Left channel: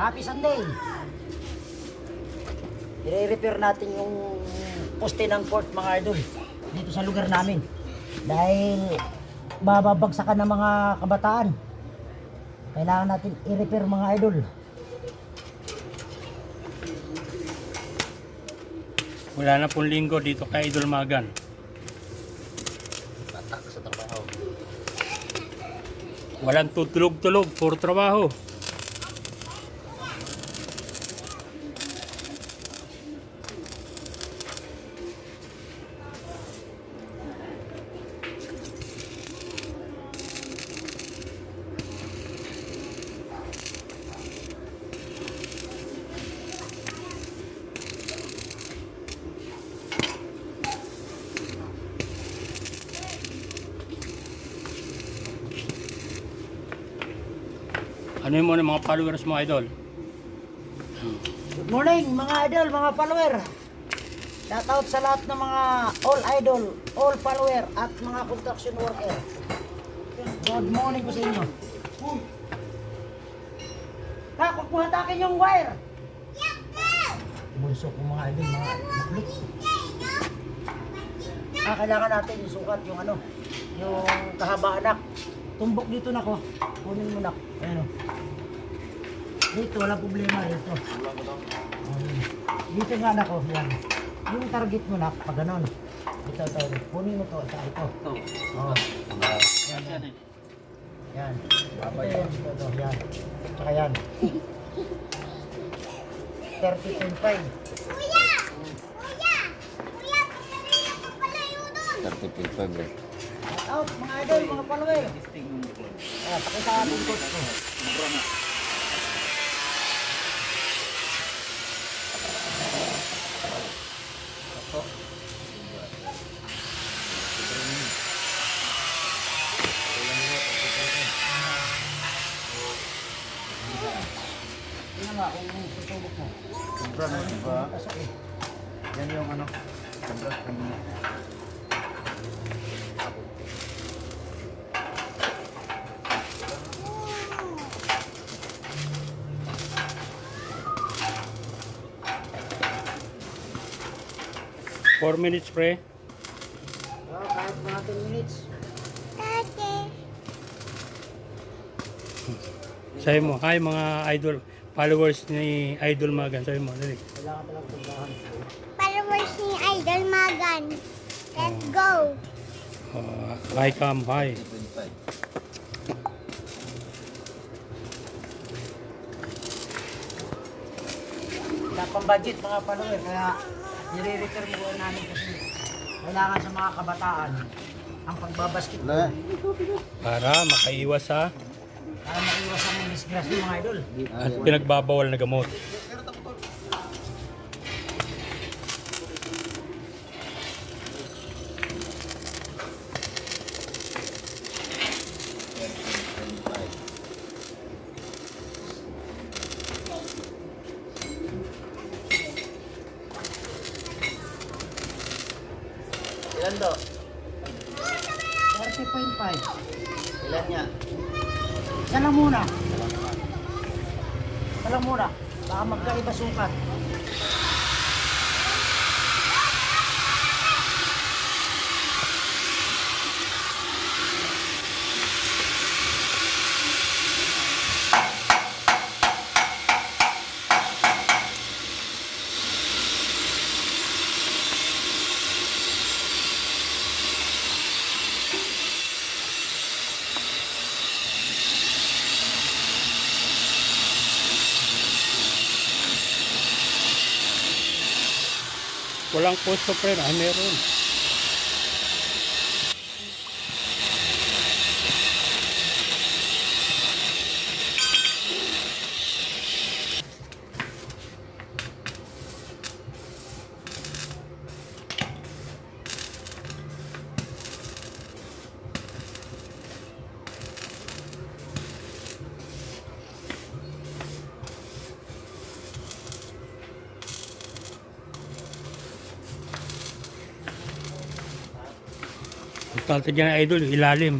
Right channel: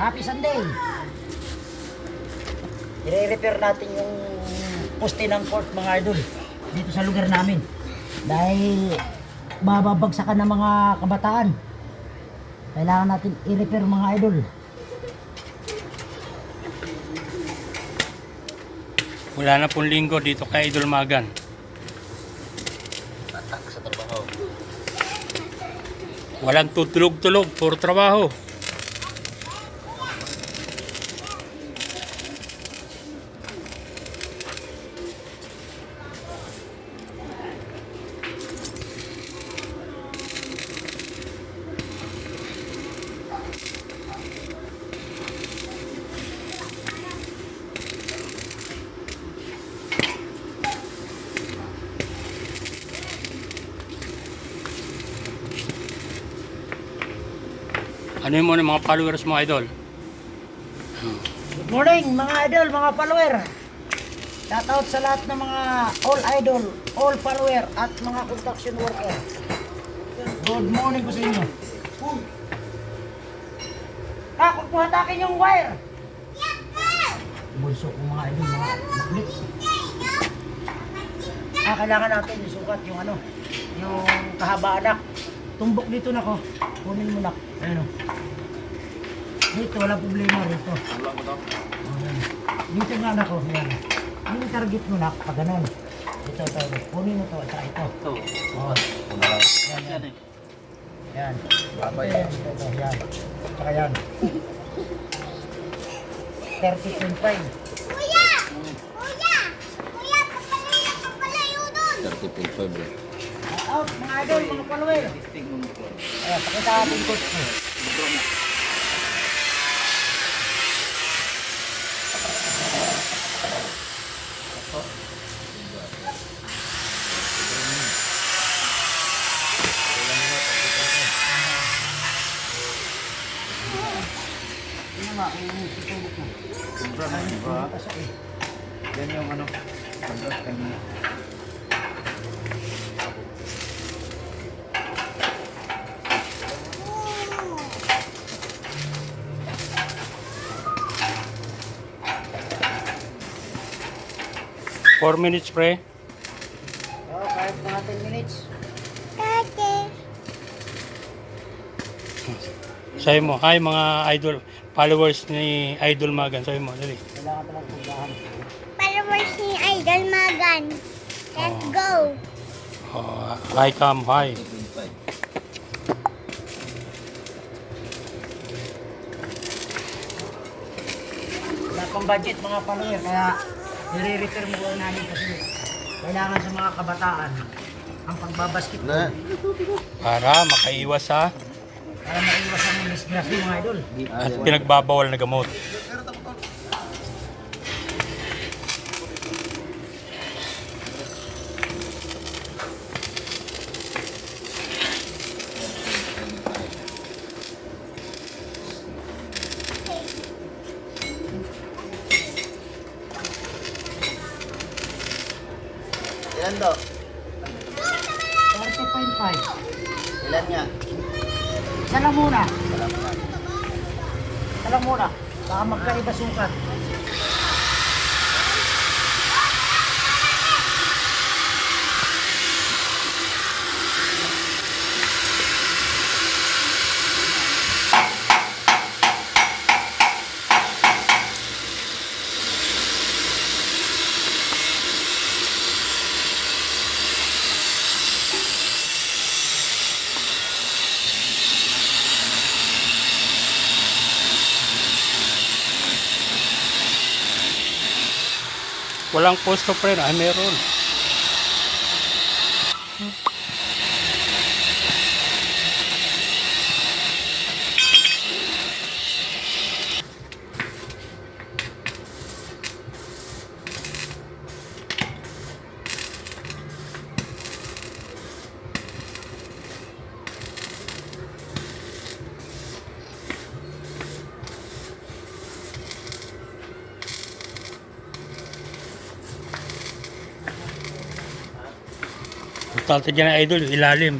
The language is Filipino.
Happy Sunday! I-repair natin yung poste ng court mga idol dito sa lugar namin. Dahil bababagsakan ng mga kabataan. Kailangan natin i-repair mga idol. Wala na pong linggo dito kay Idol Magan. Walang tutulog-tulog, puro trabaho. Ano yung muna mga followers mo, Idol? Good morning mga idol, mga follower. Shout out sa lahat ng mga all idol, all follower at mga construction worker. Good morning po sa inyo. Ha, kung hatakin yung wire. Bulso ko mga idol, mga maklik. Ah, kailangan natin isukat yung ano, yung kahabaan nak. Tumbok dito na ko. Kunin mo nak. Ayun o. Dito, wala problema rito. Dito nga na ko, yan. Yung target mo na, pag ganon. Ito, ito, ito. Kunin mo to, at saka ito. Ito. Oo. Yan, yan. eh. Yan. Ito, yan, ito, ito, yan. Tsaka yan. 30.5. Kuya! Kuya! Kuya, papalayo, papalayo doon! 30.5 eh. Out, mga idol, mga follower. Ayan, pakita natin coach mo. Tingnan mo, kung tutulog mo. Sobra na, di ba? Kasi eh. Yan yung ano. Sobra kanina. Four minutes, pre. Oh, kahit mga 10 minutes. Tate! Sabi mo, hi mga idol, followers ni Idol Magan. Sabi mo, dali. Kailangan palang puntahan. Followers ni Idol Magan. Let's go! Oh, hi, come, hi. 25. Wala pang budget mga follower, kaya nire-refer mo namin kasi kailangan sa mga kabataan ang pagbabasketball Para makaiwas sa para maiwasan disgrasya mga idol. at pinagbabawal na gamot. Ilan daw? 30.5. Ilan nga? Isa lang muna. Lang muna. Baka magkaiba sukat. Walang posto, pre. Ay, meron. Importante dyan, idol, yung ilalim.